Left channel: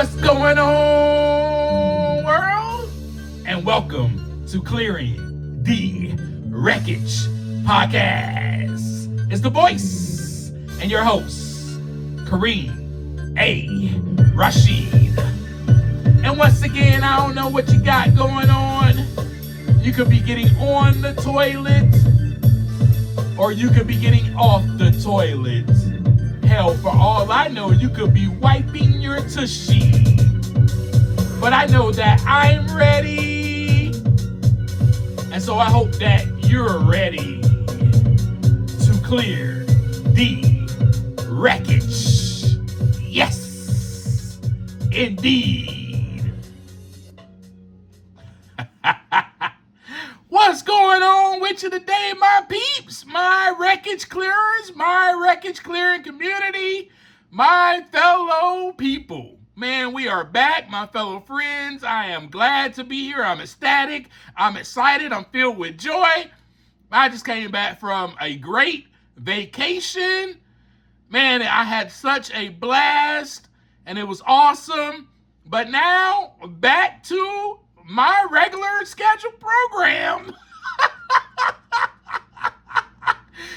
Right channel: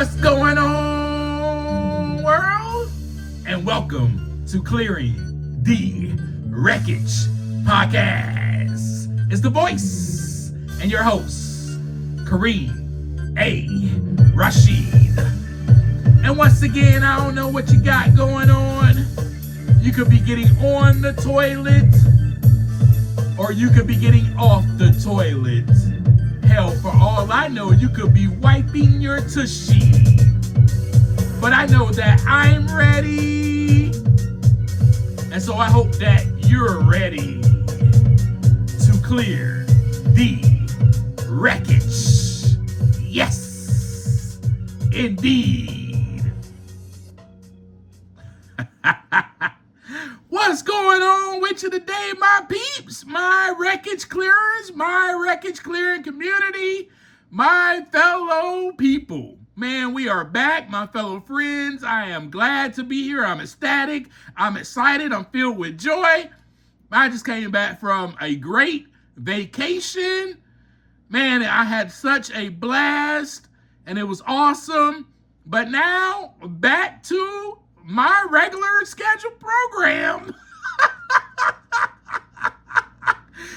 What's going on, world? And welcome to Clearing the Wreckage Podcast. It's the voice and your host, Kareem A. Rashid. And once again, I don't know what you got going on. You could be getting on the toilet, or you could be getting off the toilet. Hell, for all I know, you could be wiping your tushy. But I know that I'm ready. And so I hope that you're ready to clear the wreckage. Yes, indeed. What's going on with you today, my peeps, my wreckage clearers, my wreckage clearing community, my fellow people? Man, we are back, my fellow friends. I am glad to be here. I'm ecstatic. I'm excited. I'm filled with joy. I just came back from a great vacation. Man, I had such a blast, and it was awesome. But now, back to my regular scheduled program.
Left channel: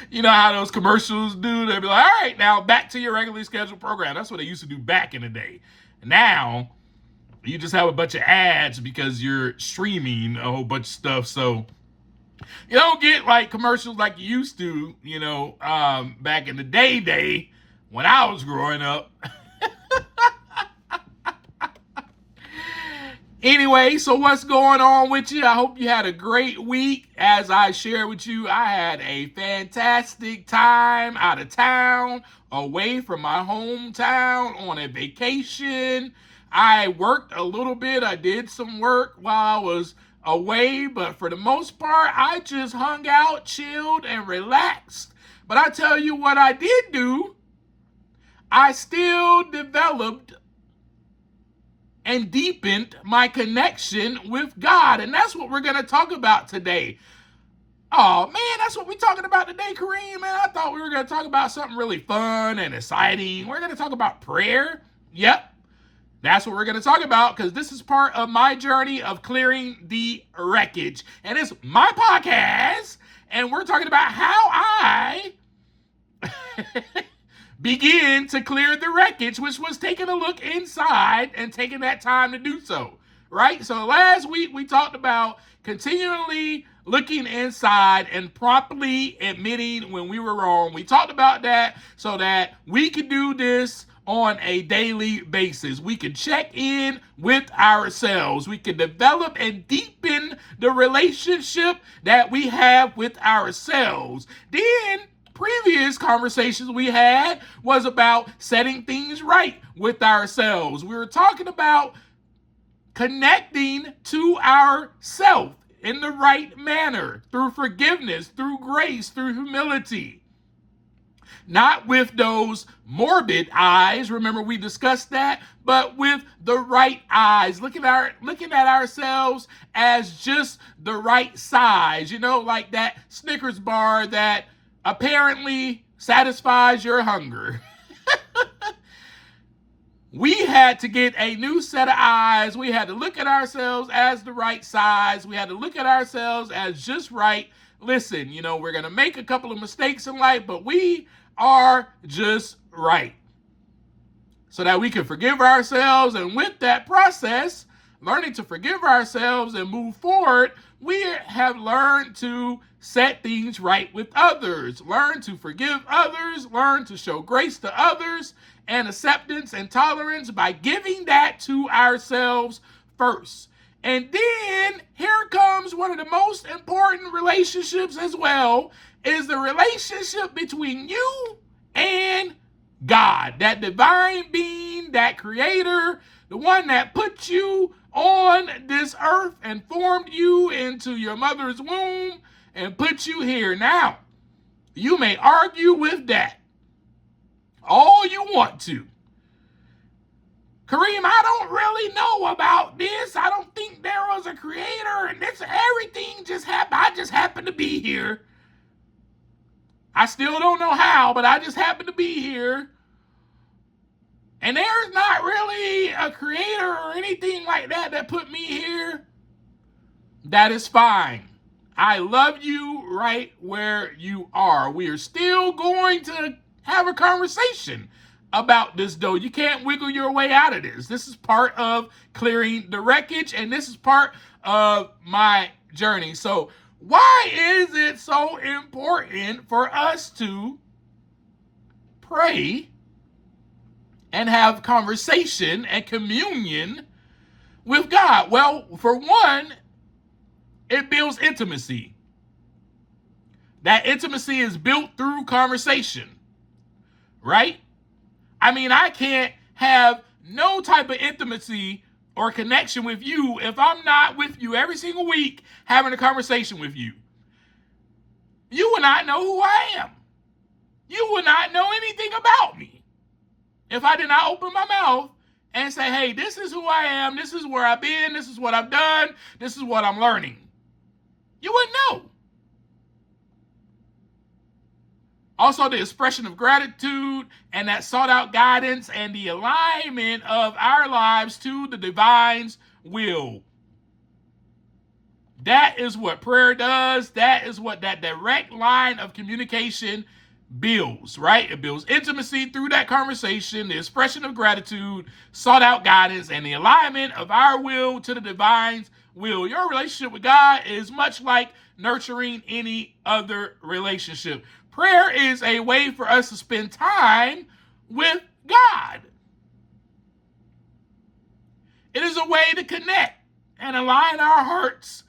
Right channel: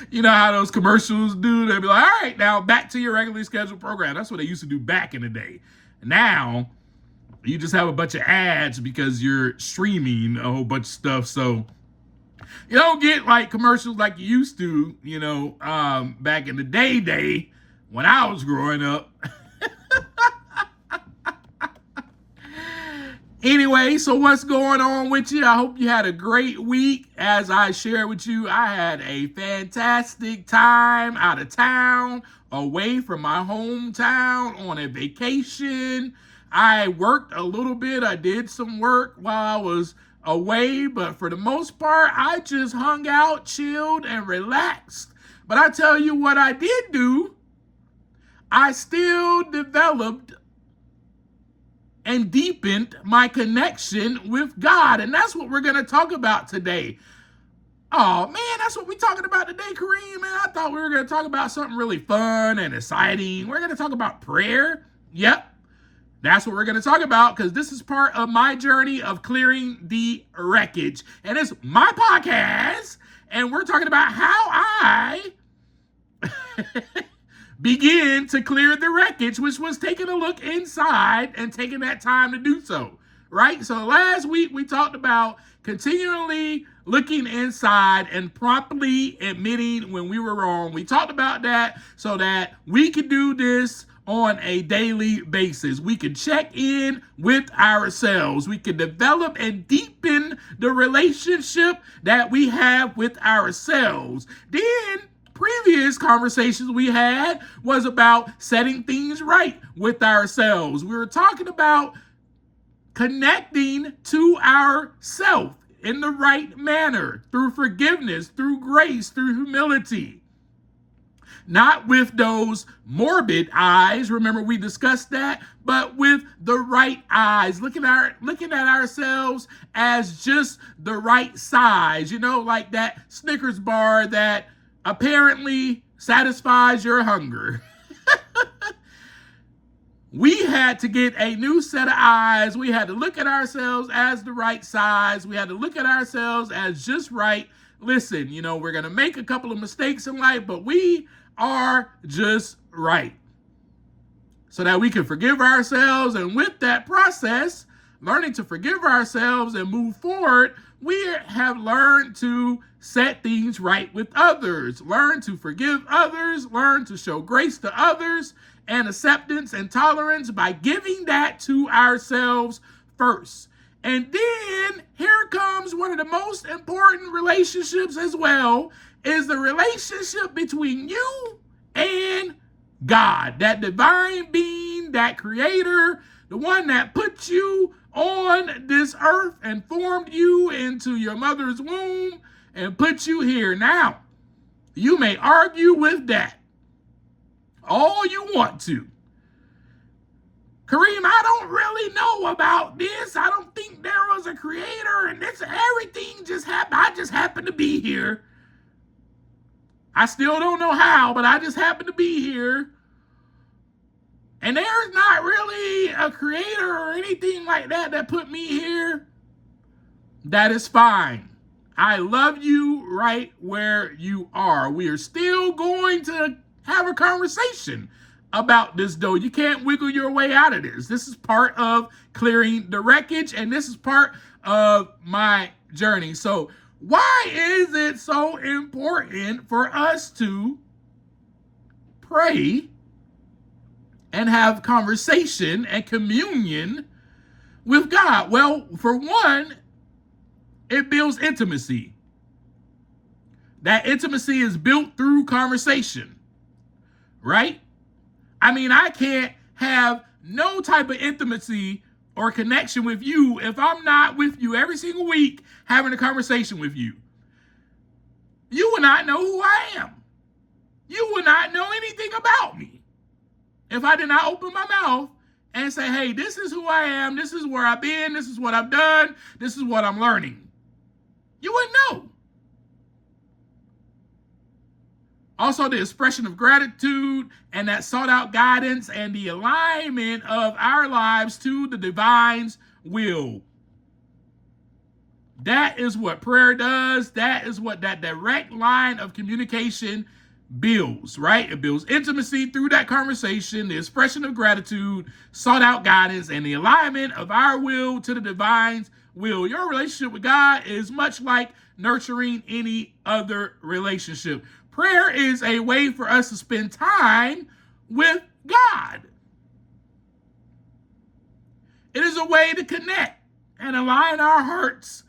You know how those commercials do? They'll be like, all right, now back to your regularly scheduled program. That's what they used to do back in the day. Now, you just have a bunch of ads because you're streaming a whole bunch of stuff. So you don't get like commercials like you used to, back in the day when I was growing up. Anyway, so what's going on with you? I hope you had a great week. As I shared with you, I had a fantastic time out of town, away from my hometown on a vacation. I worked a little bit. I did some work while I was away, but for the most part, I just hung out, chilled, and relaxed. But I tell you what I did do. I still developed and deepened my connection with God. And that's what we're going to talk about today. Oh, man, that's what we're talking about today, Kareem. Man, I thought we were going to talk about something really fun and exciting. We're going to talk about prayer. Yep, that's what we're going to talk about, because this is part of my journey of clearing the wreckage. And it's my podcast, and we're talking about how I begin to clear the wreckage, which was taking a look inside and taking that time to do so, right? So last week we talked about continually looking inside and promptly admitting when we were wrong. We talked about that so that we could do this on a daily basis. We can check in with ourselves. We can develop and deepen the relationship that we have with ourselves. Then previous conversations we had was about setting things right with ourselves. We were talking about connecting to ourself in the right manner, through forgiveness, through grace, through humility. Not with those morbid eyes, remember we discussed that, but with the right eyes, looking at ourselves as just the right size, like that Snickers bar that apparently satisfies your hunger. We had to get a new set of eyes. We had to look at ourselves as the right size. We had to look at ourselves as just right. Listen, we're going to make a couple of mistakes in life, but we are just right. So that we can forgive ourselves. And with that process, learning to forgive ourselves and move forward, we have learned to set things right with others, learn to forgive others, learn to show grace to others, and acceptance and tolerance by giving that to ourselves first. And then here comes one of the most important relationships as well, is the relationship between you and God, that divine being, that creator, the one that put you on this earth and formed you into your mother's womb and put you here. Now, you may argue with that all you want to. Kareem, I don't really know about this. I don't think there was a creator and everything just happened. I just happened to be here. I still don't know how, but I just happened to be here. And there's not really ain't a creator or anything like that that put me here, that is fine. I love you right where you are. We are still going to have a conversation about this, though. You can't wiggle your way out of this. This is part of clearing the wreckage, and this is part of my journey. So why is it so important for us to pray and have conversation and communion with God? Well, for one, it builds intimacy. That intimacy is built through conversation, right? I mean, I can't have no type of intimacy or connection with you if I'm not with you every single week having a conversation with you. You will not know who I am. You will not know anything about me if I did not open my mouth and say, hey, this is who I am, this is where I've been, this is what I've done, this is what I'm learning. You wouldn't know. Also, the expression of gratitude and that sought out guidance and the alignment of our lives to the divine's will. That is what prayer does. That is what that direct line of communication builds, right? It builds intimacy through that conversation, the expression of gratitude, sought out guidance, and the alignment of our will to the divine's will. Your relationship with God is much like nurturing any other relationship. Prayer is a way for us to spend time with God. It is a way to connect and align our hearts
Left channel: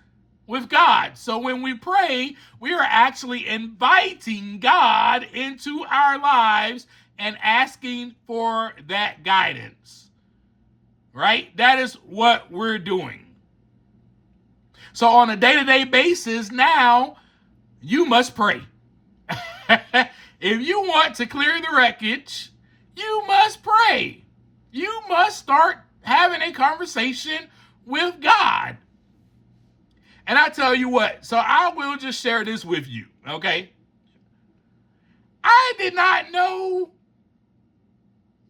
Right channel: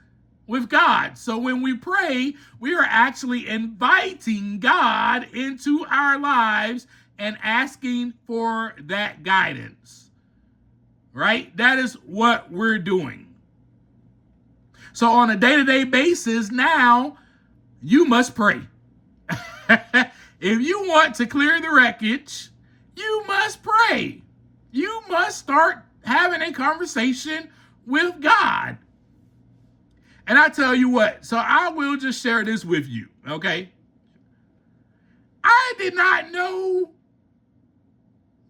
with God. So when we pray, we are actually inviting God into our lives and asking for that guidance, right? That is what we're doing. So on a day-to-day basis, now you must pray. If you want to clear the wreckage, you must pray. You must start having a conversation with God. And I tell you what, so I will just share this with you, okay? I did not know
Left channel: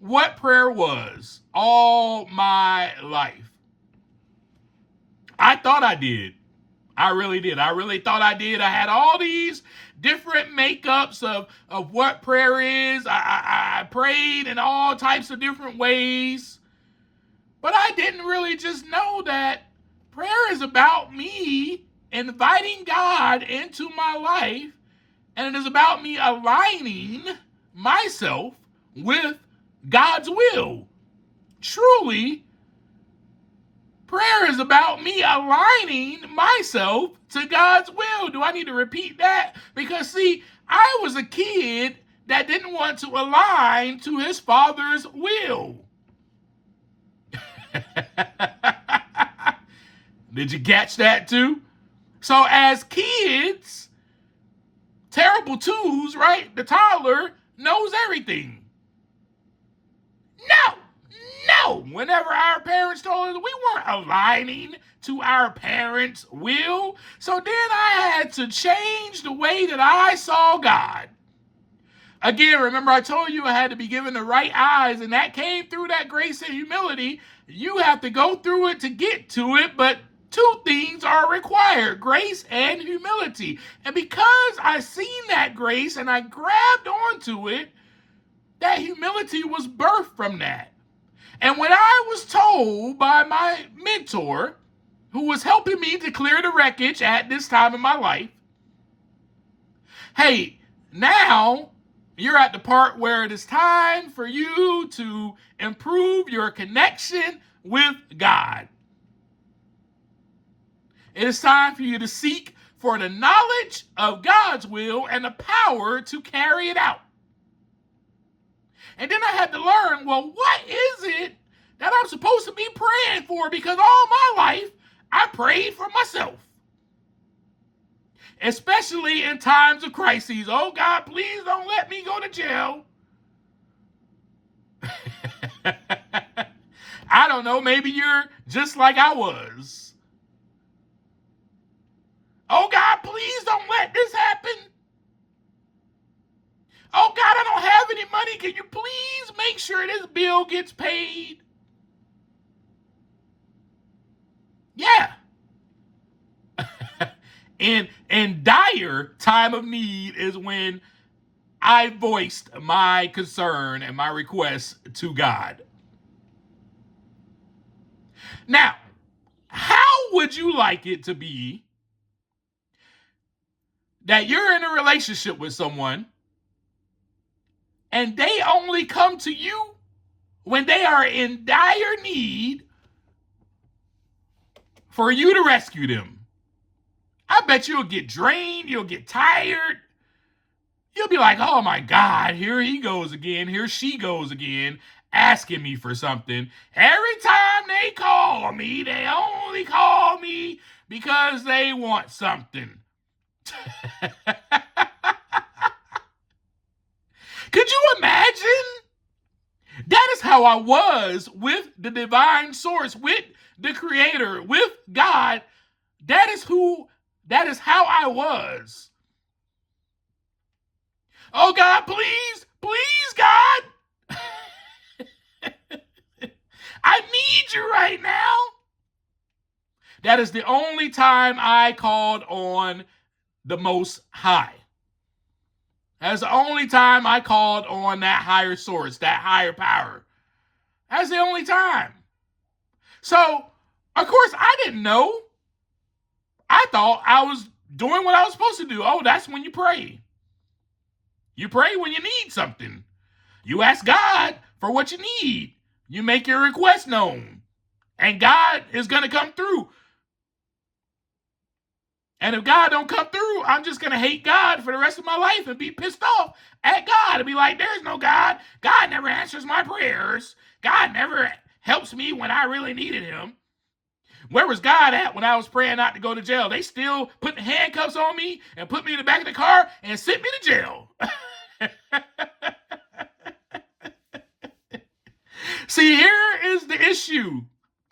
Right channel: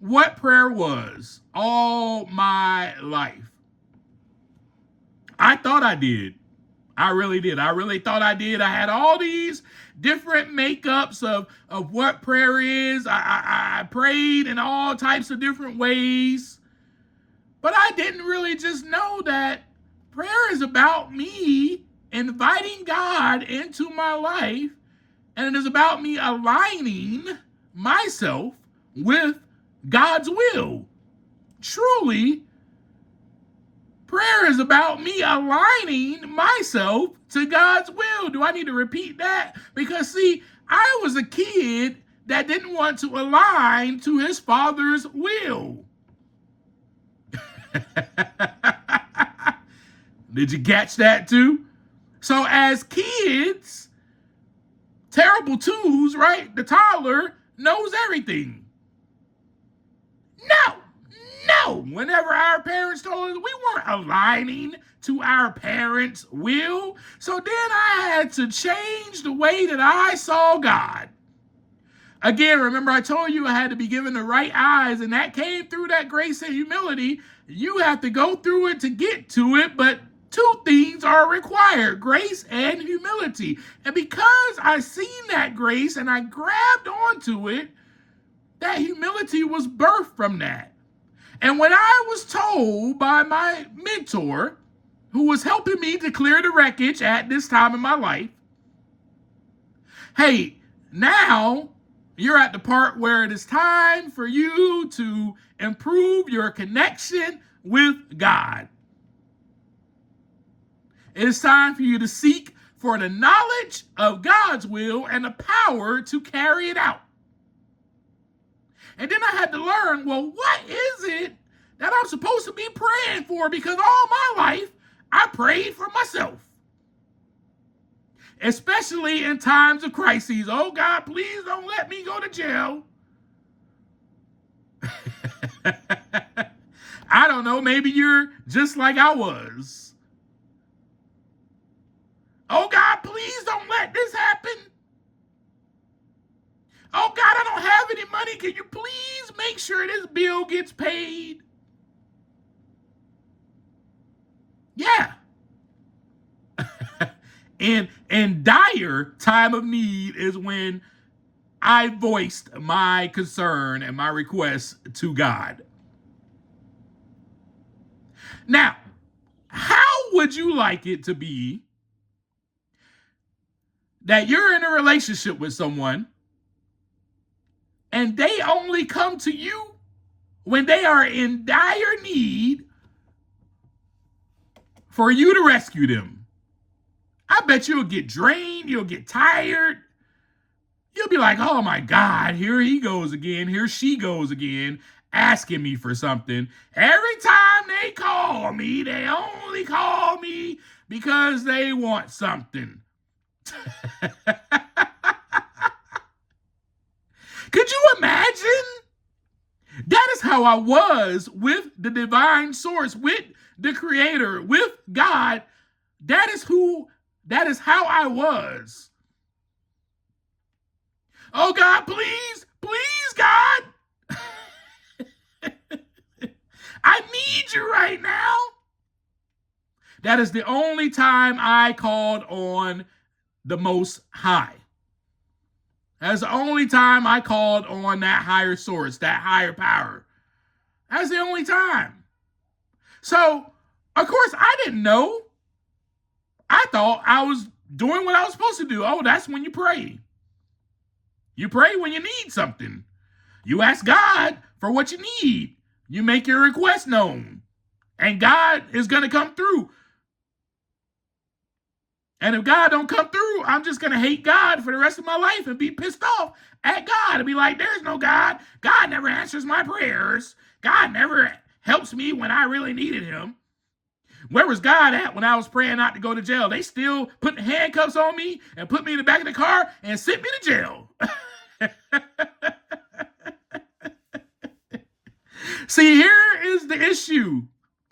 what prayer was all my life. I thought I did. I really did. I really thought I did. I had all these different makeups of what prayer is. I prayed in all types of different ways. But I didn't really just know that prayer is about me inviting God into my life, and it is about me aligning myself with God's will. Truly, prayer is about me aligning myself to God's will. Do I need to repeat that? Because, see, I was a kid that didn't want to align to his father's will. Did you catch that too? So as kids, terrible twos, right? The toddler knows everything. No. Whenever our parents told us, we weren't aligning to our parents' will. So then I had to change the way that I saw God. Again, remember I told you I had to be given the right eyes, and that came through that grace and humility. You have to go through it to get to it, but two things are required: grace and humility. And because I seen that grace and I grabbed onto it, that humility was birthed from that. And when I was told by my mentor, who was helping me to clear the wreckage at this time in my life, hey, now you're at the part where it is time for you to improve your connection with God. It is time for you to seek for the knowledge of God's will and the power to carry it out. And then I had to learn, well, what is it that I'm supposed to be praying for? Because all my life, I prayed for myself. Especially in times of crises. Oh, God, please don't let me go to jail. I don't know, maybe you're just like I was. Oh, God, please don't let this happen. Oh, God, I don't have any money. Can you please make sure this bill gets paid? Yeah. In dire time of need is when I voiced my concern and my request to God. Now, how would you like it to be that you're in a relationship with someone and they only come to you when they are in dire need for you to rescue them? I bet you'll get drained, you'll get tired. You'll be like, oh my God, here he goes again, here she goes again, asking me for something. Every time they call me, they only call me because they want something. Could you imagine? That is how I was with the divine source, with the creator, with God. That is how I was. Oh God, please, please, God. I need you right now. That is the only time I called on the Most High. That's the only time I called on that higher source, that higher power. That's the only time. So, of course, I didn't know. I thought I was doing what I was supposed to do. Oh, that's when you pray. You pray when you need something. You ask God for what you need. You make your request known. And God is going to come through. And if God don't come through, I'm just going to hate God for the rest of my life and be pissed off at God and be like, there's no God. God never answers my prayers. God never helps me when I really needed him. Where was God at when I was praying not to go to jail? They still put handcuffs on me and put me in the back of the car and sent me to jail. See, here is the issue.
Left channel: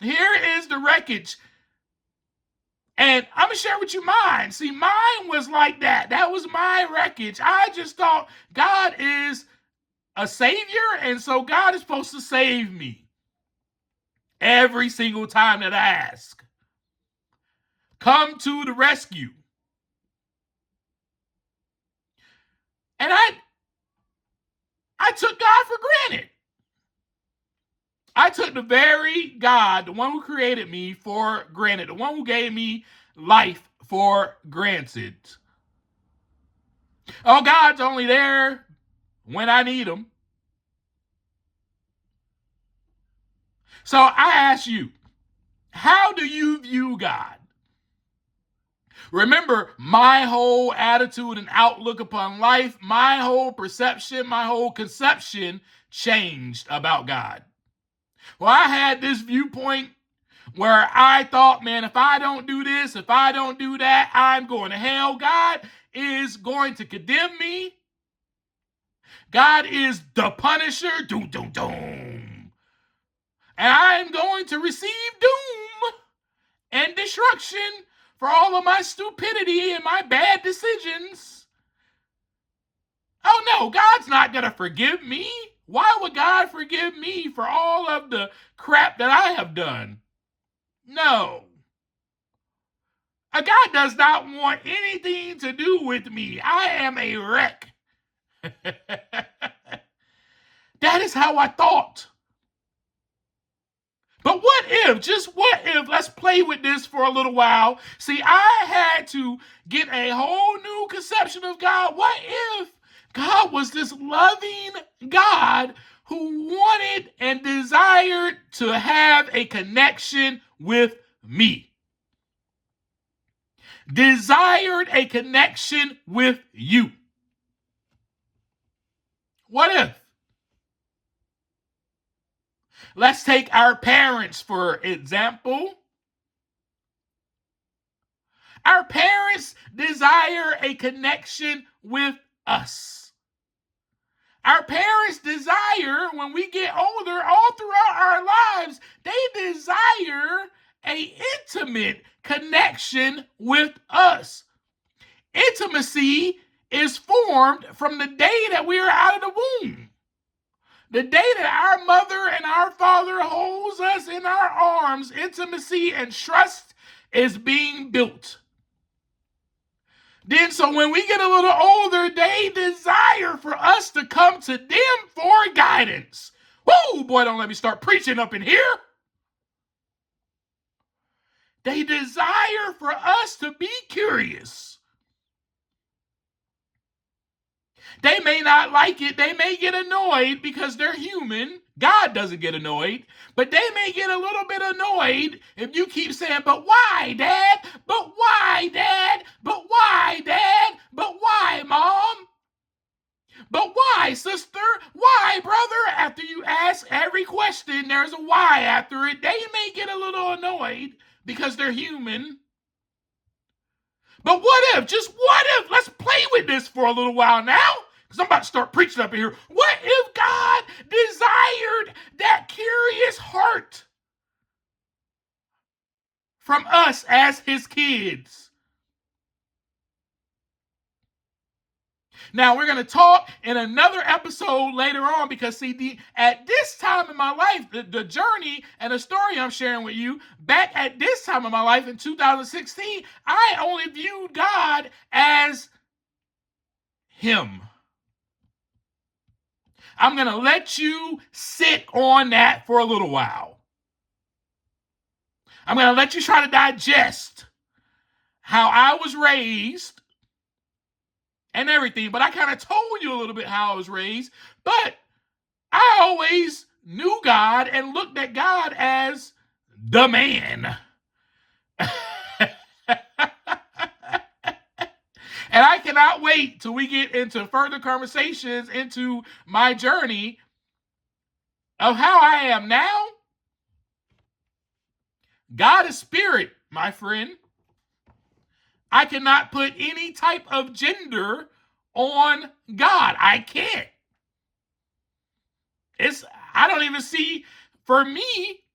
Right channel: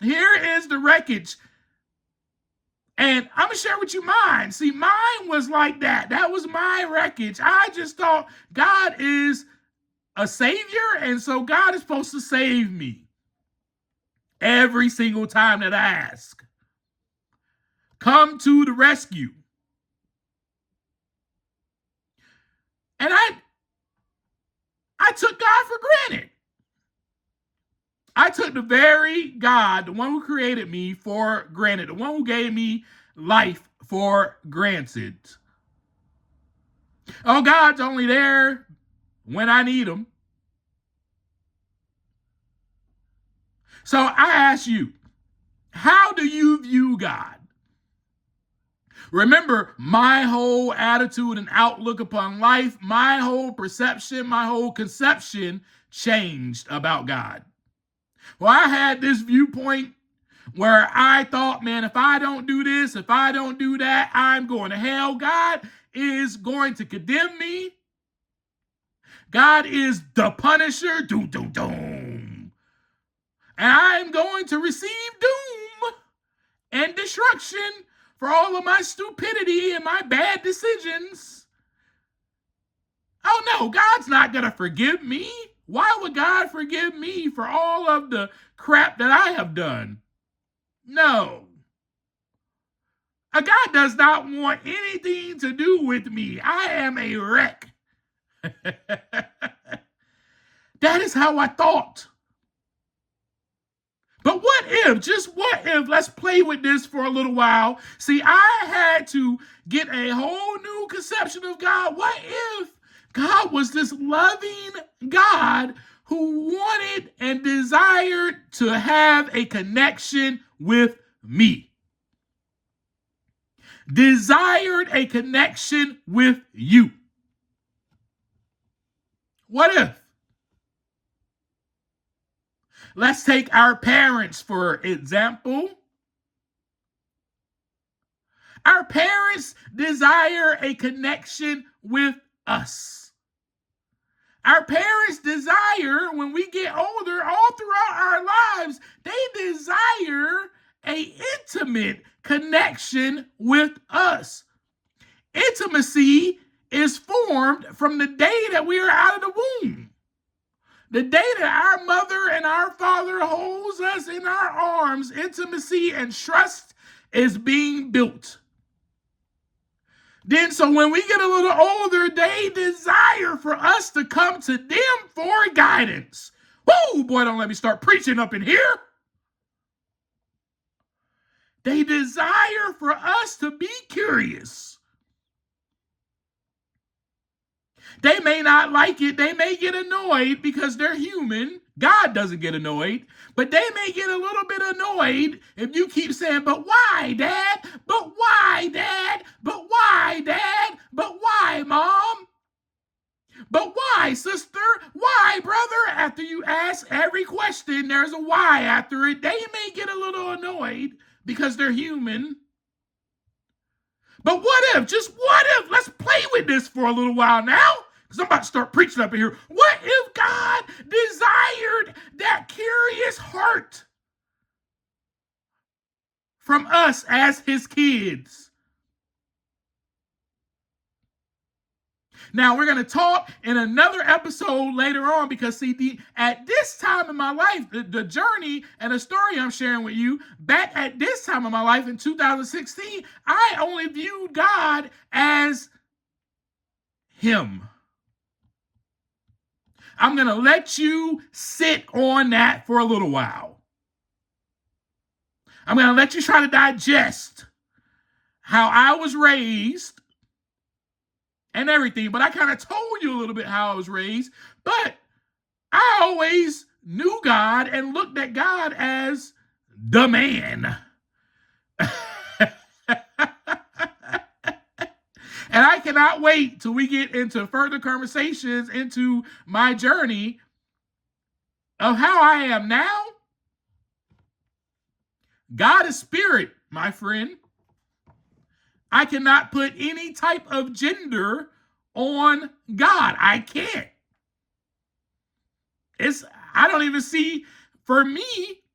Here is the wreckage. And I'm going to share with you mine. See, mine was like that. That was my wreckage. I just thought God is a savior, and so God is supposed to save me every single time that I ask. Come to the rescue. And I took God for granted. I took the very God, the one who created me, for granted. The one who gave me life for granted. Oh, God's only there when I need him. So I ask you, how do you view God? Remember, my whole attitude and outlook upon life, my whole perception, my whole conception changed about God. Well, I had this viewpoint where I thought, man, if I don't do this, if I don't do that, I'm going to hell. God is going to condemn me. God is the punisher. Doom, doom, doom. And I'm going to receive doom and destruction for all of my stupidity and my bad decisions. Oh no, God's not going to forgive me. Why would God forgive me for all of the crap that I have done? No. God does not want anything to do with me. I am a wreck. That is how I thought. But what if, just what if, let's play with this for a little while. See, I had to get a whole new conception of God. What if God was this loving God who wanted and desired to have a connection with me? Desired a connection with you. What if? Let's take our parents, for example. Our parents desire a connection with us. Our parents desire, when we get older, all throughout our lives, they desire an intimate connection with us. Intimacy is formed from the day that we are out of the womb. The day that our mother and our father holds us in our arms, intimacy and trust is being built. Then, so when we get a little older, they desire for us to come to them for guidance. Whoa, boy, don't let me start preaching up in here. They desire for us to be curious. They may not like it. They may get annoyed because they're human. God doesn't get annoyed. But they may get a little bit annoyed if you keep saying, but why, Dad? But why, Dad? But why, Dad? But why, Mom? But why, sister? Why, brother? After you ask every question, there's a why after it. They may get a little annoyed because they're human. But what if, just what if, let's play with this for a little while now, because I'm about to start preaching up in here. What if God desired that curious heart from us as his kids? Now, we're going to talk in another episode later on because, see, at this time in my life, the journey and the story I'm sharing with you, back at this time in my life in 2016, I only viewed God as him. I'm going to let you sit on that for a little while. I'm going to let you try to digest how I was raised and everything, but I kind of told you a little bit how I was raised, but I always knew God and looked at God as the man. And I cannot wait till we get into further conversations into my journey of how I am now. God is spirit, my friend. I cannot put any type of gender on God. I can't. I don't even see, for me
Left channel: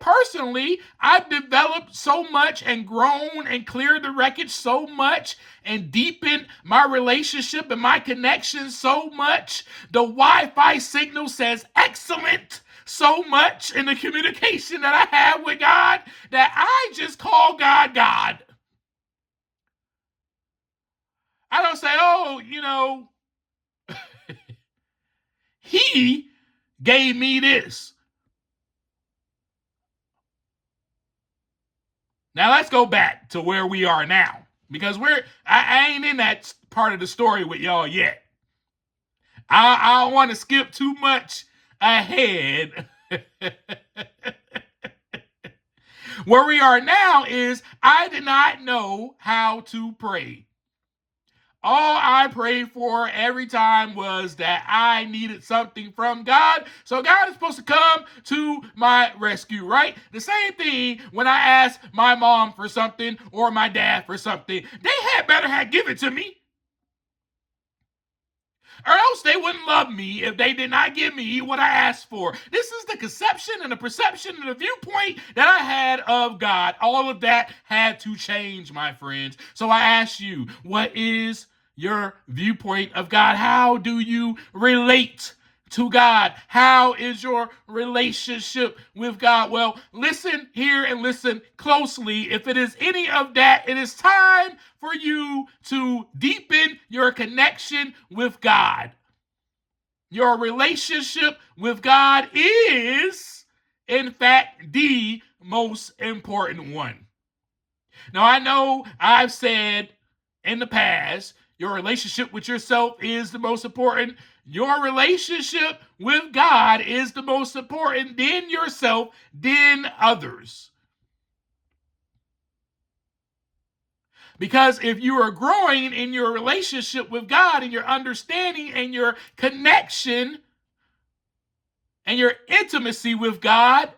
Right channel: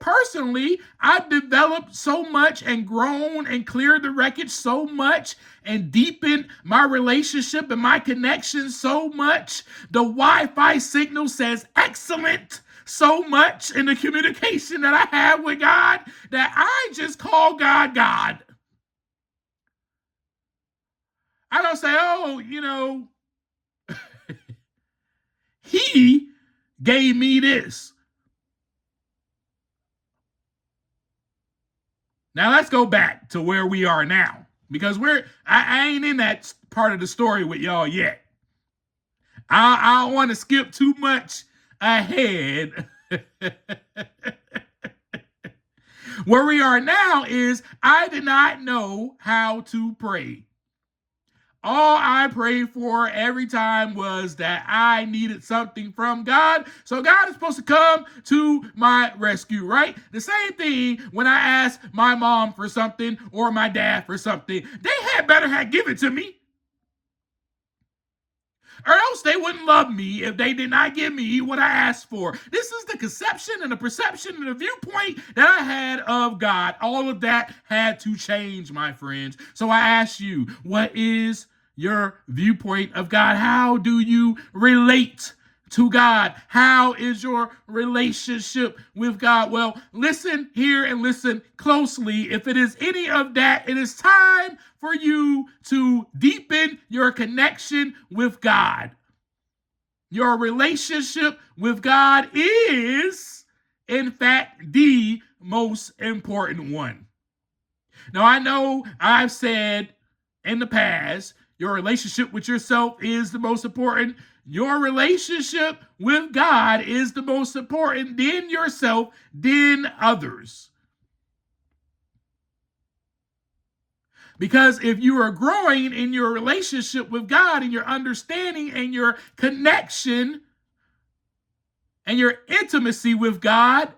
personally, I've developed so much and grown and cleared the wreckage so much and deepened my relationship and my connection so much. The Wi-Fi signal says excellent so much in the communication that I have with God that I just call God God. I don't say, oh, he gave me this. Now let's go back to where we are now, because I ain't in that part of the story with y'all yet. I don't want to skip too much ahead. Where we are now is I did not know how to pray. All I prayed for every time was that I needed something from God. So God is supposed to come to my rescue, right? The same thing when I asked my mom for something or my dad for something. They had better have given it to me. Or else they wouldn't love me if they did not give me what I asked for. This is the conception and the perception and the viewpoint that I had of God. All of that had to change, my friends. So I ask you, what is your viewpoint of God? How do you relate to God? How is your relationship with God? Well, listen here and listen closely. If it is any of that, it is time for you to deepen your connection with God. Your relationship with God is, in fact, the most important one. Now, I know I've said in the past, your relationship with yourself is the most important. Your relationship with God is the most important, then yourself, then others. Because if you are growing in your relationship with God and your understanding and your connection and your intimacy with God,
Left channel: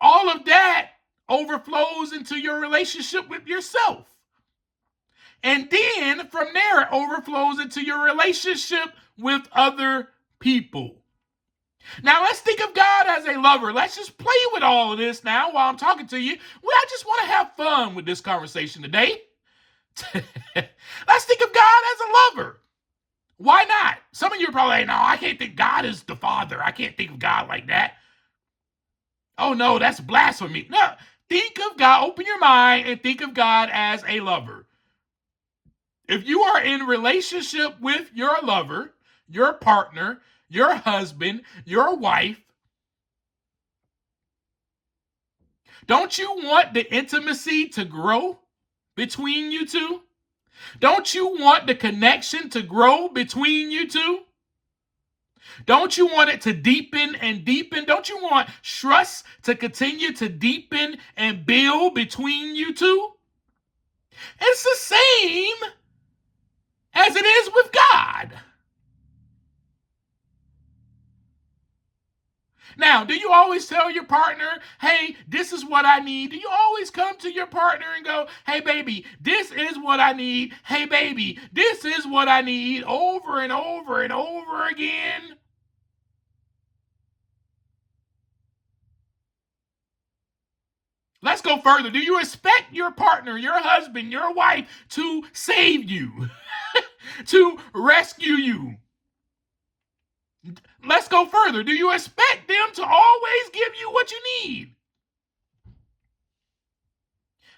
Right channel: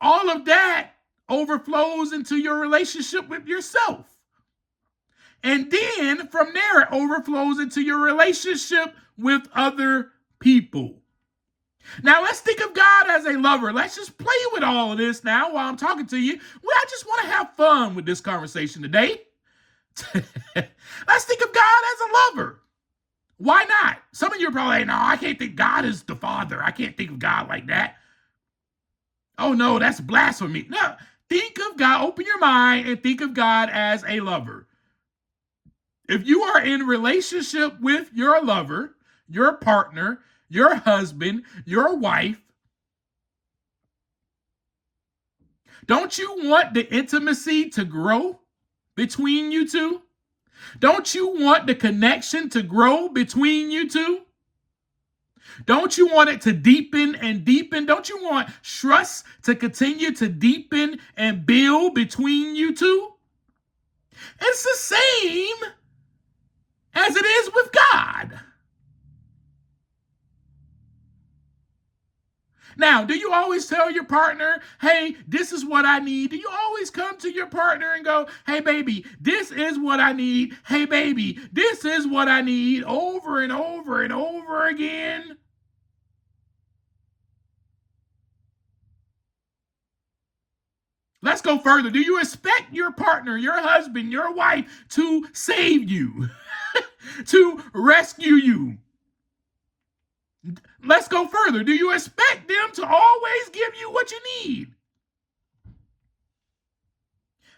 all of that overflows into your relationship with yourself. And then from there, it overflows into your relationship with other people. Now, let's think of God as a lover. Let's just play with all of this now while I'm talking to you. Well, I just want to have fun with this conversation today. Let's think of God as a lover. Why not? Some of you are probably like, no, I can't think God is the Father. I can't think of God like that. Oh, no, that's blasphemy. No, think of God, open your mind and think of God as a lover. If you are in relationship with your lover, your partner, your husband, your wife, don't you want the intimacy to grow between you two? Don't you want the connection to grow between you two? Don't you want it to deepen and deepen? Don't you want trust to continue to deepen and build between you two? It's the same as it is with God. Now, do you always tell your partner, hey, this is what I need? Do you always come to your partner and go, hey, baby, this is what I need. Hey, baby, this is what I need, over and over and over again? Let's go further. Do you expect your partner, your husband, your wife to save you, to rescue you? Let's go further. Do you expect them to always give you what you need?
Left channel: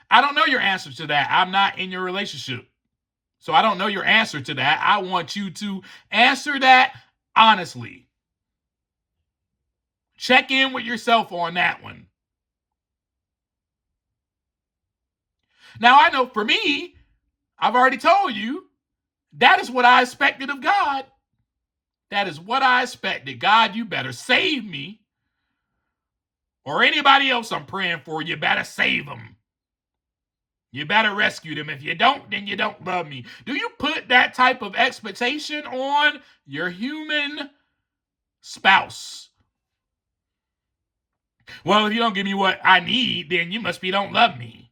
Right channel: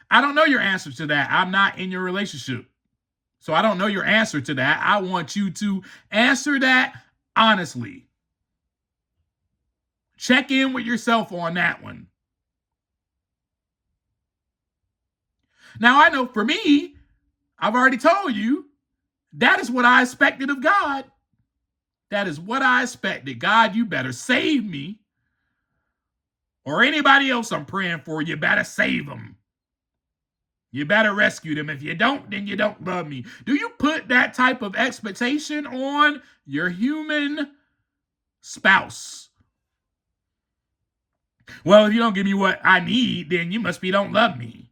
I don't know your answer to that. I'm not in your relationship. So I don't know your answer to that. I want you to answer that honestly. Check in with yourself on that one. Now, I know for me, I've already told you, that is what I expected of God. That is what I expected. God, you better save me. Or anybody else I'm praying for, you better save them. You better rescue them. If you don't, then you don't love me. Do you put that type of expectation on your human spouse? Well, if you don't give me what I need, then you must be don't love me.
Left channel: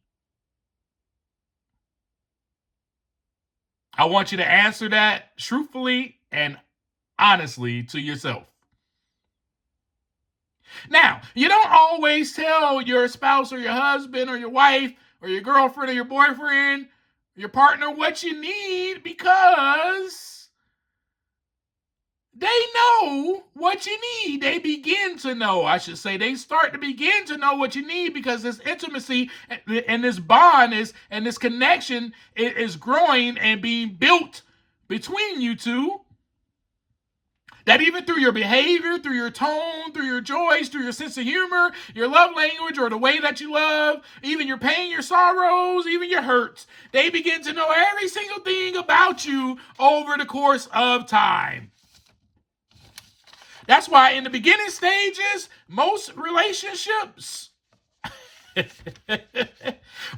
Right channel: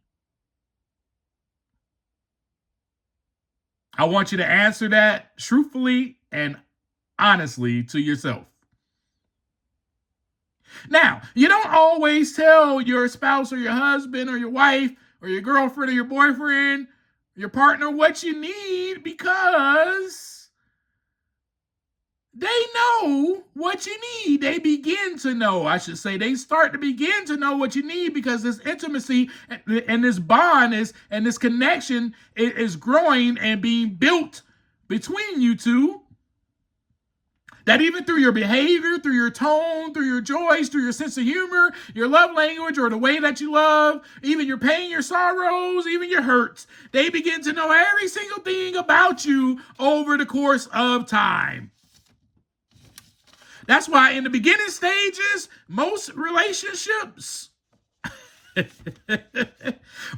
I want you to answer that truthfully and honestly to yourself. Now, you don't always tell your spouse or your husband or your wife or your girlfriend or your boyfriend, your partner, what you need, because they know what you need. They begin to know, I should say. They start to begin to know what you need because this intimacy and this bond and this connection is growing and being built between you two. That even through your behavior, through your tone, through your joys, through your sense of humor, your love language, or the way that you love, even your pain, your sorrows, even your hurts, they begin to know every single thing about you over the course of time. That's why in the beginning stages, most relationships,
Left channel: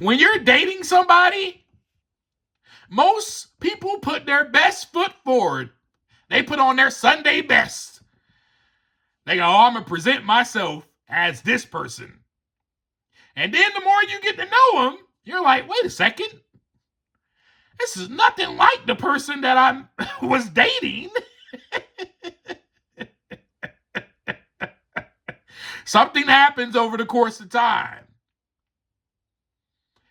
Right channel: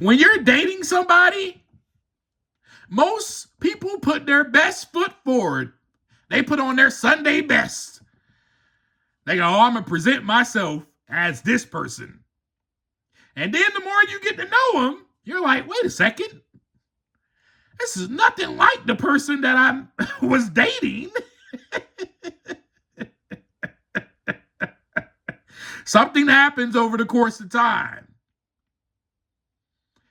when you're dating somebody, most people put their best foot forward. They put on their Sunday best. They go, oh, I'm going to present myself as this person. And then the more you get to know them, you're like, wait a second. This is nothing like the person that I was dating. Something happens over the course of time.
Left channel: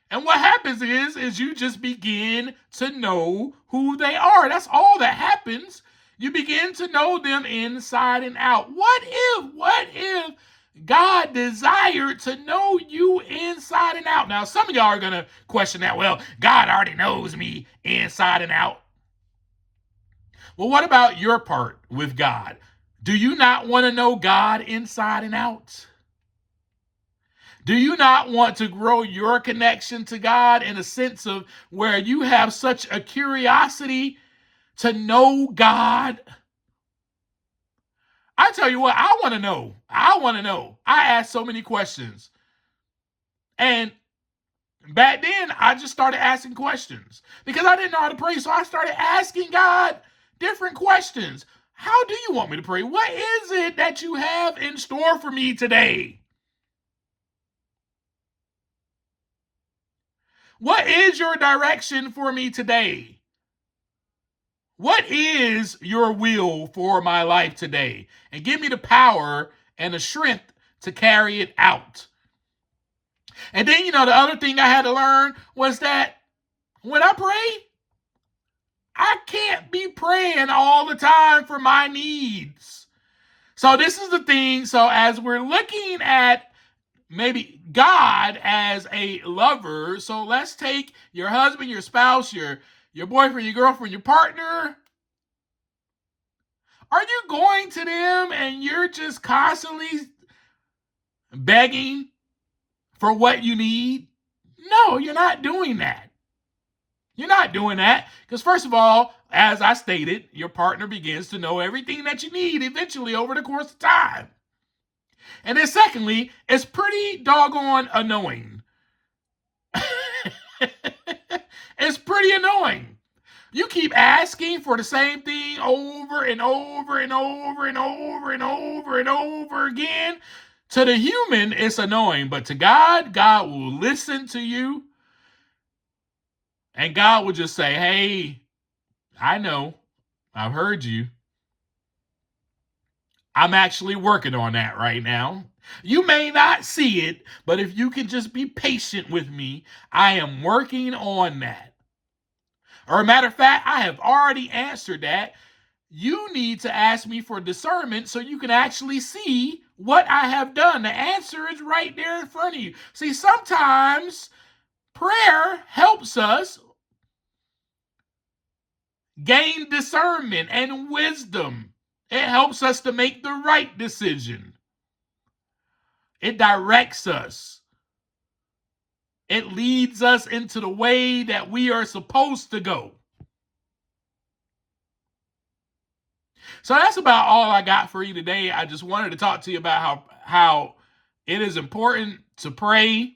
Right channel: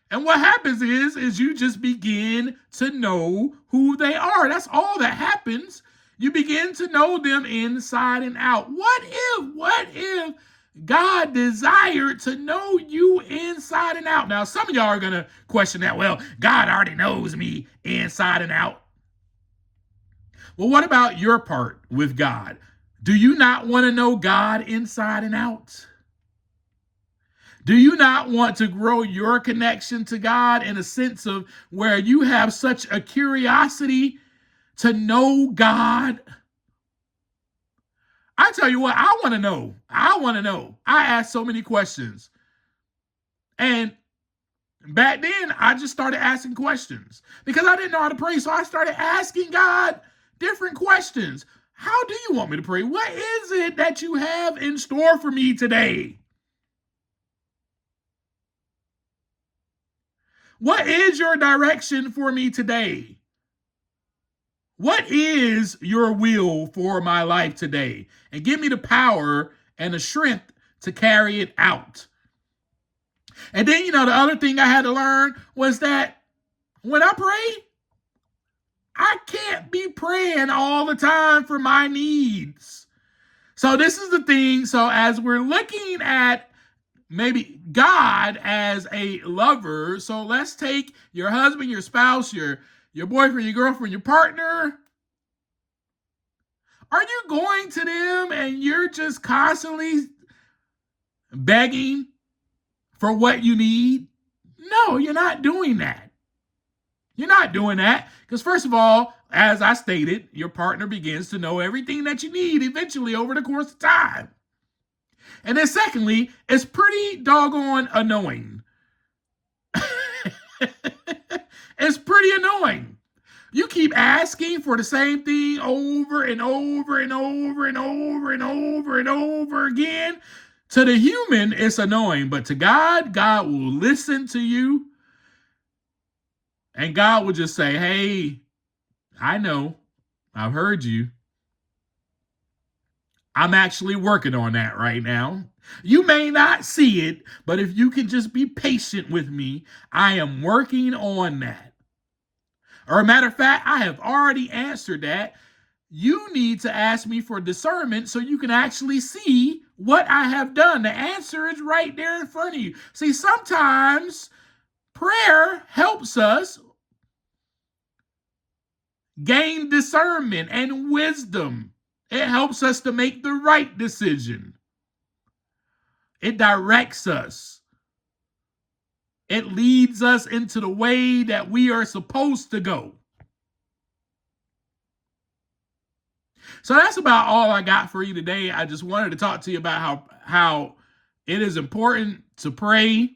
And what happens is you just begin to know who they are. That's all that happens. You begin to know them inside and out. What if God desired to know you inside and out? Now, some of y'all are going to question that. Well, God already knows me inside and out. Well, what about your part with God? Do you not want to know God inside and out? Do you not want to grow your connection to God in a sense of where you have such a curiosity to know God? I tell you what, I want to know. I ask so many questions. And back then, I just started asking questions because I didn't know how to pray. So I started asking God different questions. How do you want me to pray? What is it that you have in store for me today? What is your direction for me today? What is your will for my life today? And give me the power and the strength to carry it out. And then, the other thing I had to learn was that when I pray, I can't be praying all the time for my needs. So this is the thing. So as we're looking at maybe God as a lover. So let's take your husband, your spouse, your boyfriend, your girlfriend, your partner. Are you going to them and you're just constantly begging for what you need? No, you're not doing that. You're not doing that because, first of all, as I stated, your partner begins to know everything that you need eventually over the course of time. And then secondly, it's pretty doggone annoying. It's pretty annoying. You keep asking for the same thing over and over and over and over and over and over again. To the human, it's annoying, but to God, God will listen to you. And God will just say, hey, I know, I've heard you. I'm actually working on that right now. You may not see it, but if you can just be patient with me, I am working on that. Or a matter of fact, I have already answered that. You need to ask me for discernment so you can actually see what I have done. The answer is right there in front of you. See, sometimes prayer helps us gain discernment and wisdom. It helps us to make the right decision. It directs us. It leads us into the way that we are supposed to go. So that's about all I got for you today. I just wanted to talk to you about how it is important to pray,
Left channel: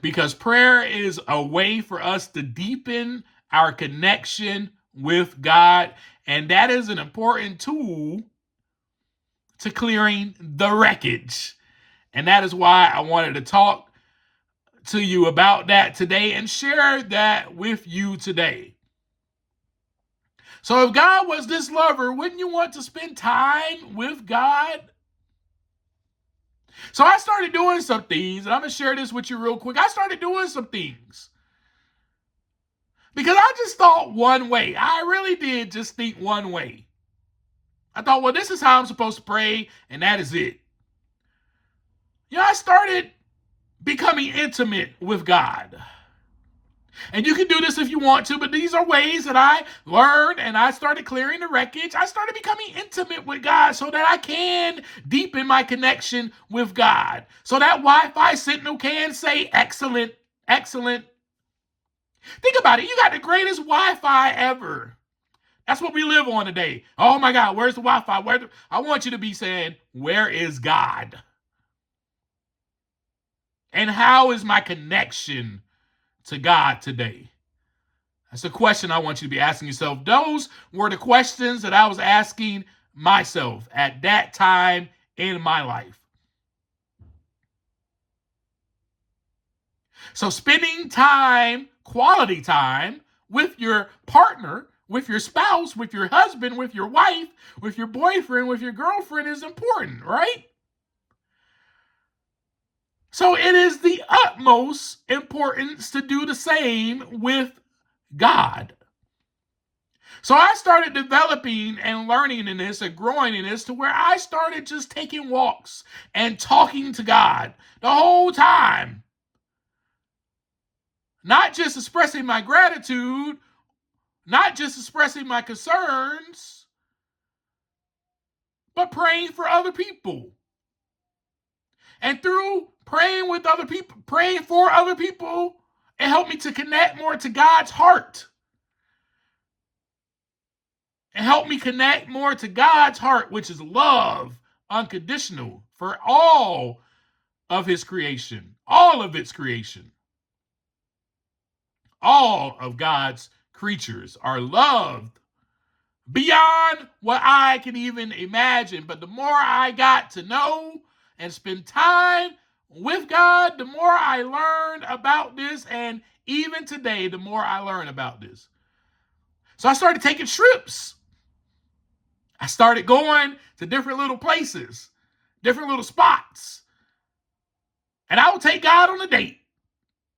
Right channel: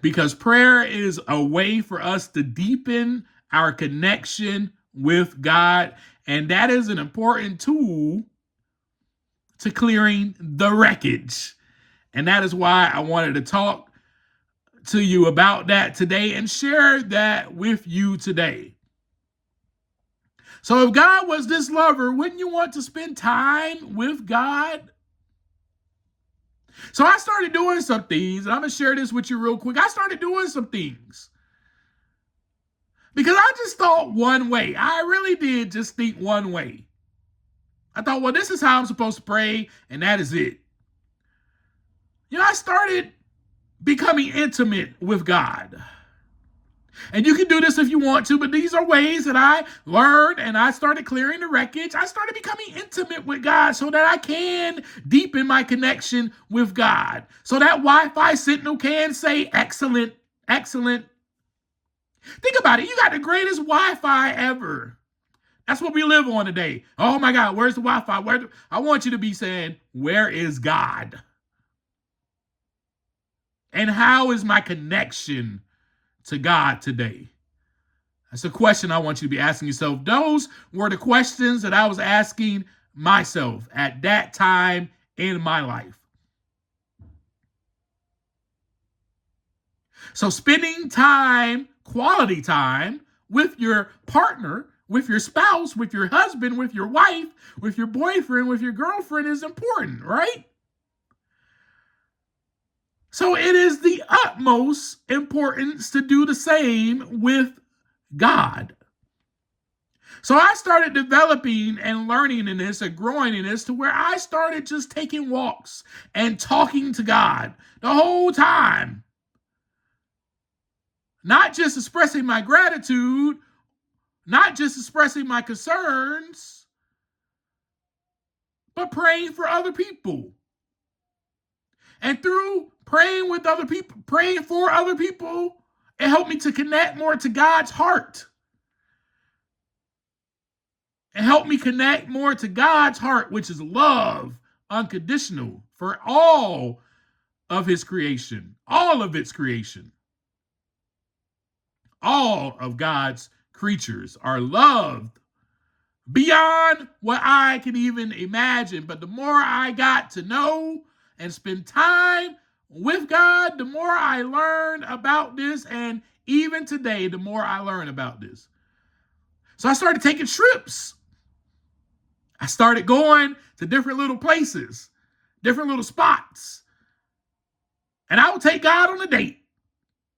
because prayer is a way for us to deepen our connection with God. And that is an important tool to clearing the wreckage. And that is why I wanted to talk to you about that today and share that with you today. So if God was this lover, wouldn't you want to spend time with God? So I started doing some things, and I'm going to share this with you real quick. I started doing some things because I just thought one way. I really did just think one way. I thought, well, this is how I'm supposed to pray, and that is it. I started becoming intimate with God. And you can do this if you want to, but these are ways that I learned, and I started clearing the wreckage. I started becoming intimate with God so that I can deepen my connection with God. So that Wi-Fi signal can say, excellent, excellent. Think about it. You got the greatest Wi-Fi ever. That's what we live on today. Oh my God, where's the Wi-Fi? I want you to be saying, where is God? And how is my connection to God today? That's a question I want you to be asking yourself. Those were the questions that I was asking myself at that time in my life. So spending time, quality time with your partner, with your spouse, with your husband, with your wife, with your boyfriend, with your girlfriend is important, right? So it is the utmost importance to do the same with God. So I started developing and learning in this and growing in this to where I started just taking walks and talking to God the whole time. Not just expressing my gratitude, not just expressing my concerns, but praying for other people. And through praying with other people, praying for other people, it helped me to connect more to God's heart. It helped me connect more to God's heart, which is love, unconditional, for all of his creation, all of its creation. All of God's creatures are loved beyond what I can even imagine. But the more I got to know and spend time with God, the more I learned about this. And even today, the more I learn about this. So I started taking trips. I started going to different little places, different little spots. And I would take God on a date.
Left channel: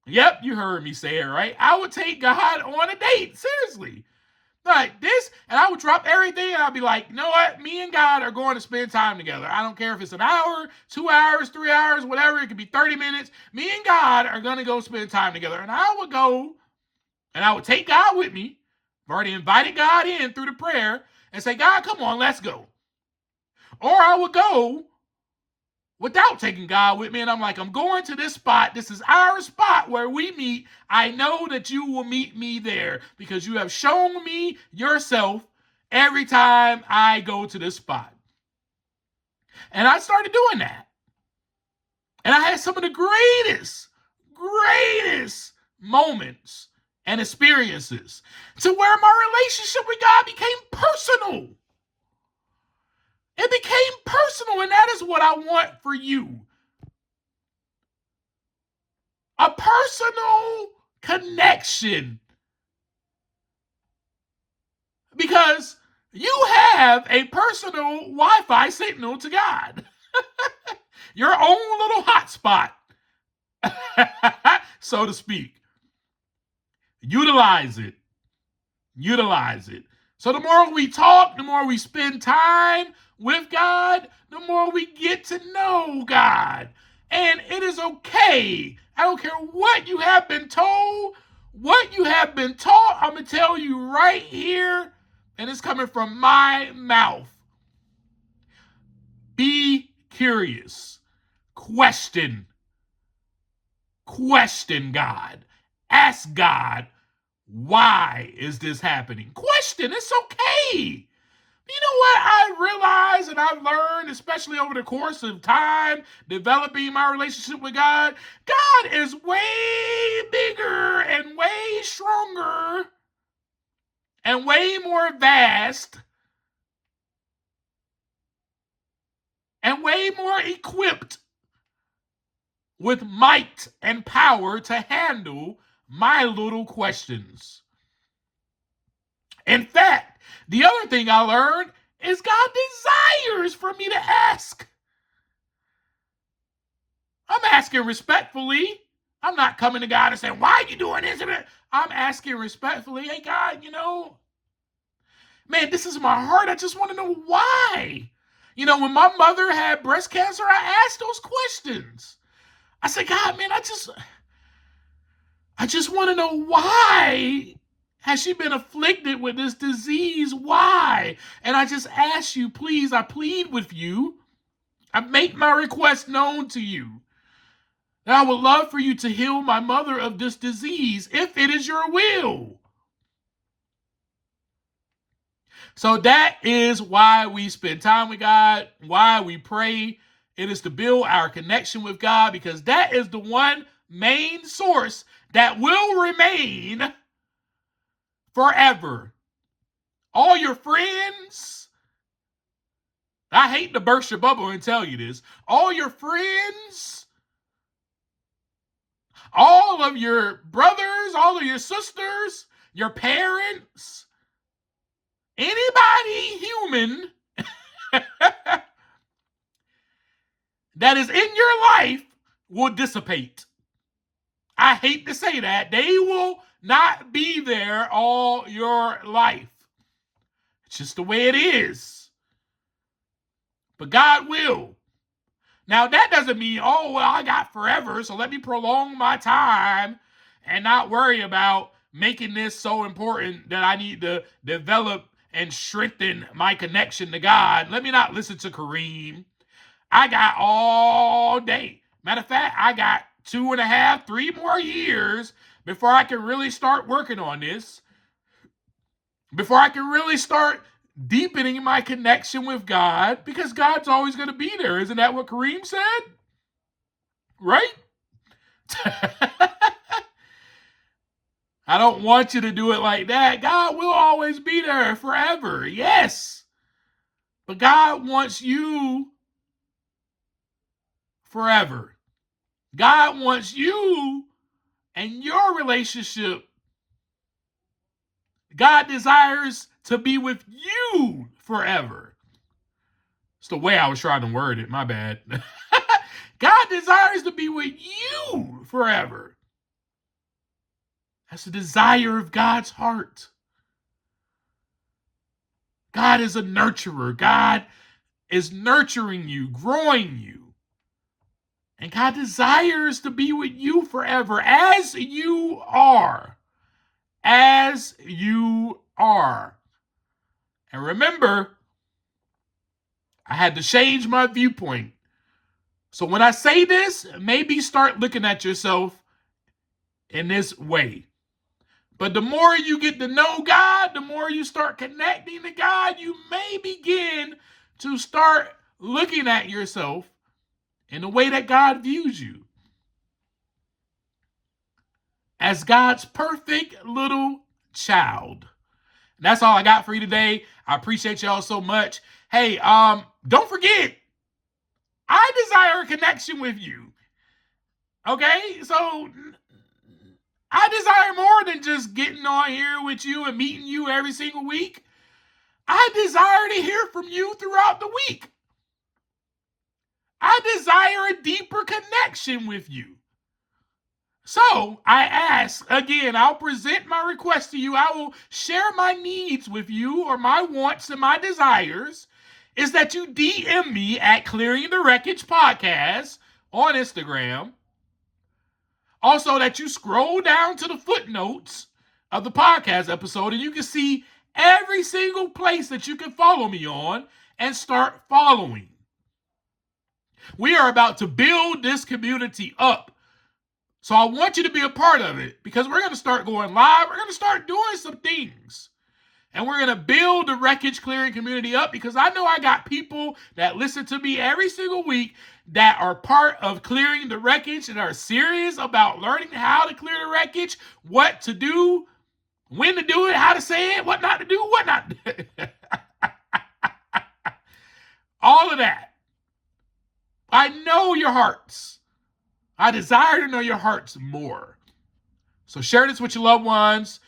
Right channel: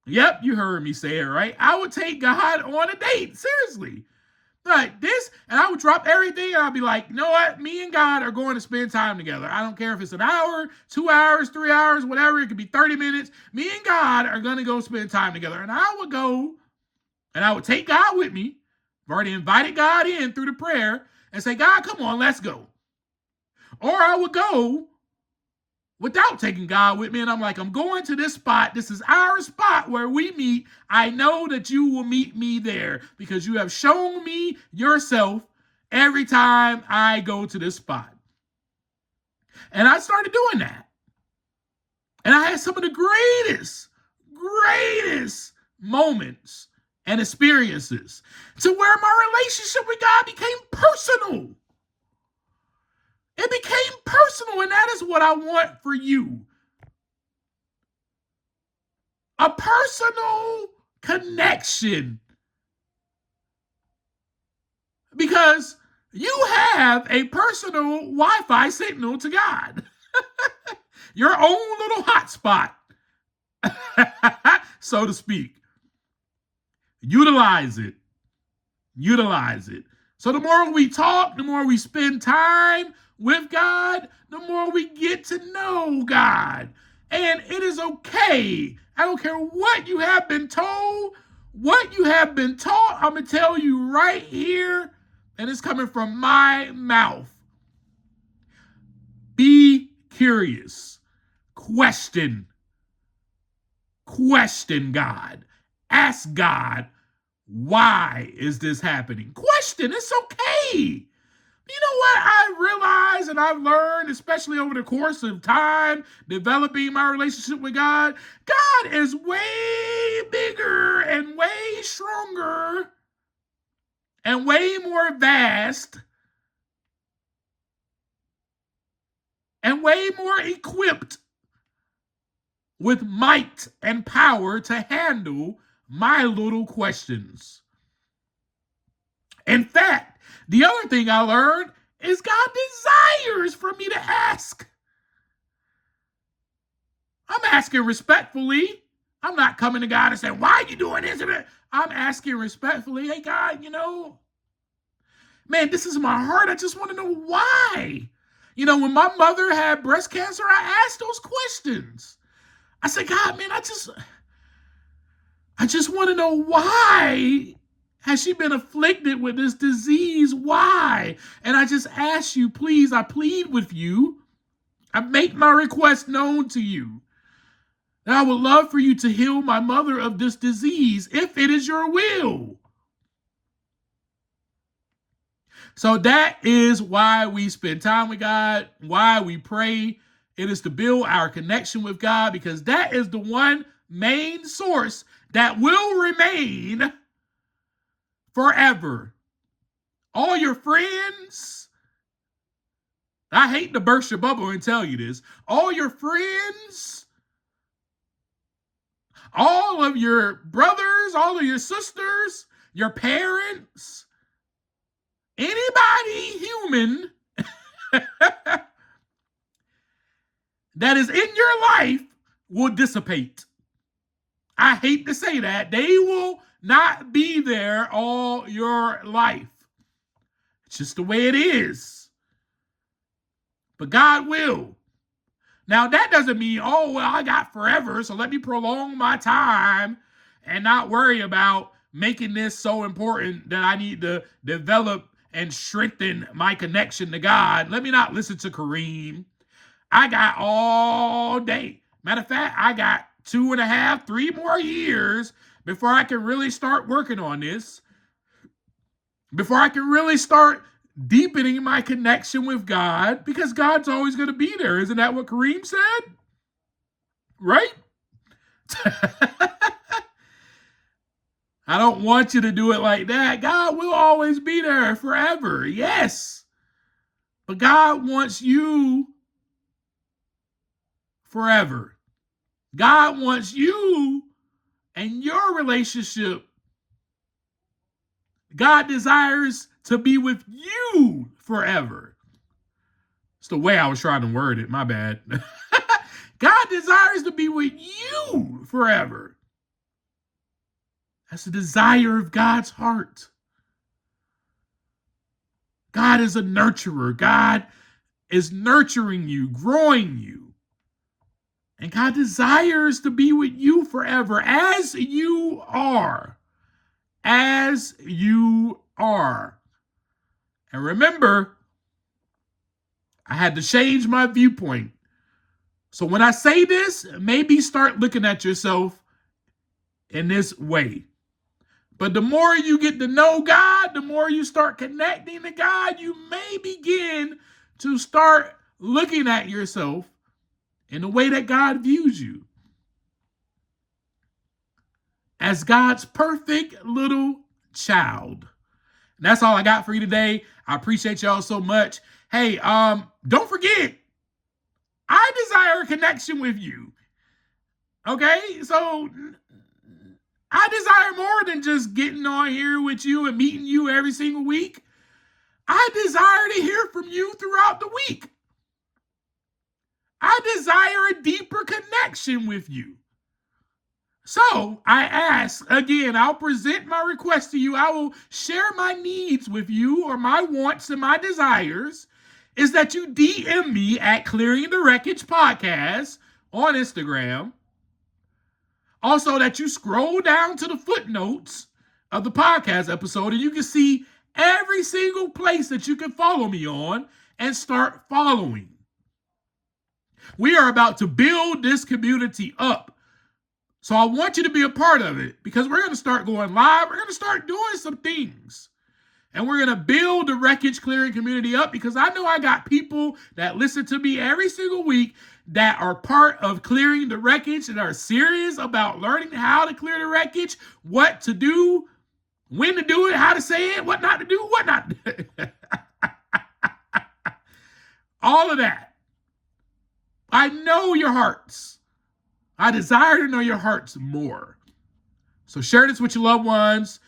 Yep, you heard me say it right. I would take God on a date, seriously. Like this, and I would drop everything and I'd be like, you know what? Me and God are going to spend time together. I don't care if it's an hour, 2 hours, 3 hours, whatever. It could be 30 minutes. Me and God are going to go spend time together. And I would go and I would take God with me. I've already invited God in through the prayer and say, God, come on, let's go. Or I would go without taking God with me. And I'm like, I'm going to this spot. This is our spot where we meet. I know that you will meet me there because you have shown me yourself every time I go to this spot. And I started doing that. And I had some of the greatest moments and experiences to where my relationship with God became personal. It became personal, and that is what I want for you. A personal connection. Because you have a personal Wi-Fi signal to God. Your own little hotspot, so to speak. Utilize it. Utilize it. So the more we talk, the more we spend time with God, the more we get to know God. And it is okay. I don't care what you have been told, what you have been taught. I'm going to tell you right here, and it's coming from my mouth. Be curious. Question God. Ask God, why is this happening? Question, it's okay. You know what I realized and I've learned, especially over the course of time, developing my relationship with God? God is way bigger and way stronger and way more vast and way more equipped with might and power to handle my little questions. In fact, the other thing I learned is God desires for me to ask. I'm asking respectfully. I'm not coming to God and saying, why are you doing this? I'm asking respectfully, hey, God, man, this is my heart. I just want to know why. When my mother had breast cancer, I asked those questions. I said, God, man, I just want to know why has she been afflicted with this disease? Why? And I just ask you, please, I plead with you. I make my request known to you. And I would love for you to heal my mother of this disease if it is your will. So that is why we spend time with God, why we pray. It is to build our connection with God because that is the one main source that will remain forever. All your friends, I hate to burst your bubble and tell you this, all your friends, all of your brothers, all of your sisters, your parents, anybody human that is in your life will dissipate. I hate to say that. They will not be there all your life. It's just the way it is. But God will. Now, that doesn't mean, I got forever, so let me prolong my time and not worry about making this so important that I need to develop and strengthen my connection to God. Let me not listen to Kareem. I got all day. Matter of fact, I got 2.5, 3 more years before I can really start working on this. Before I can really start deepening my connection with God, because God's always going to be there. Isn't that what Kareem said? Right? I don't want you to do it like that. God will always be there forever. Yes. But God wants you forever. God wants you and your relationship. God desires to be with you forever. It's the way I was trying to word it. My bad. God desires to be with you forever. That's the desire of God's heart. God is a nurturer. God is nurturing you, growing you. And God desires to be with you forever as you are. As you are. And remember, I had to change my viewpoint. So when I say this, maybe start looking at yourself in this way. But the more you get to know God, the more you start connecting to God, you may begin to start looking at yourself in the way that God views you. As God's perfect little child. And that's all I got for you today. I appreciate y'all so much. Hey, don't forget, I desire a connection with you. Okay? So I desire more than just getting on here with you and meeting you every single week. I desire to hear from you throughout the week. I desire a deeper connection with you. So I ask, again, I'll present my request to you. I will share my needs with you, or my wants and my desires, is that you DM me at Clearing the Wreckage Podcast on Instagram. Also, that you scroll down to the footnotes of the podcast episode and you can see every single place that you can follow me on and start following. We are about to build this community up. So I want you to be a part of it, because we're going to start going live. We're going to start doing some things. And we're going to build the wreckage clearing community up, because I know I got people that listen to me every single week that are part of clearing the wreckage and are serious about learning how to clear the wreckage, what to do, when to do it, how to say it, what not to do, what not to do. All of that. I know your hearts. I desire to know your hearts more. So share this with your loved ones.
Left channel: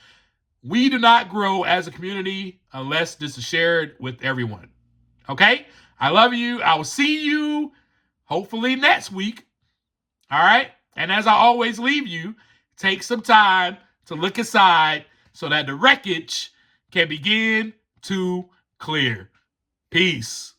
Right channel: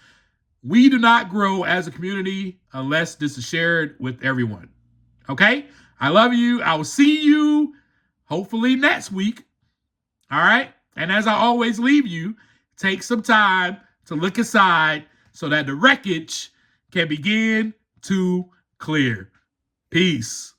We do not grow as a community unless this is shared with everyone. Okay? I love you. I will see you hopefully next week. All right? And as I always leave you, take some time to look inside so that the wreckage can begin to clear. Peace.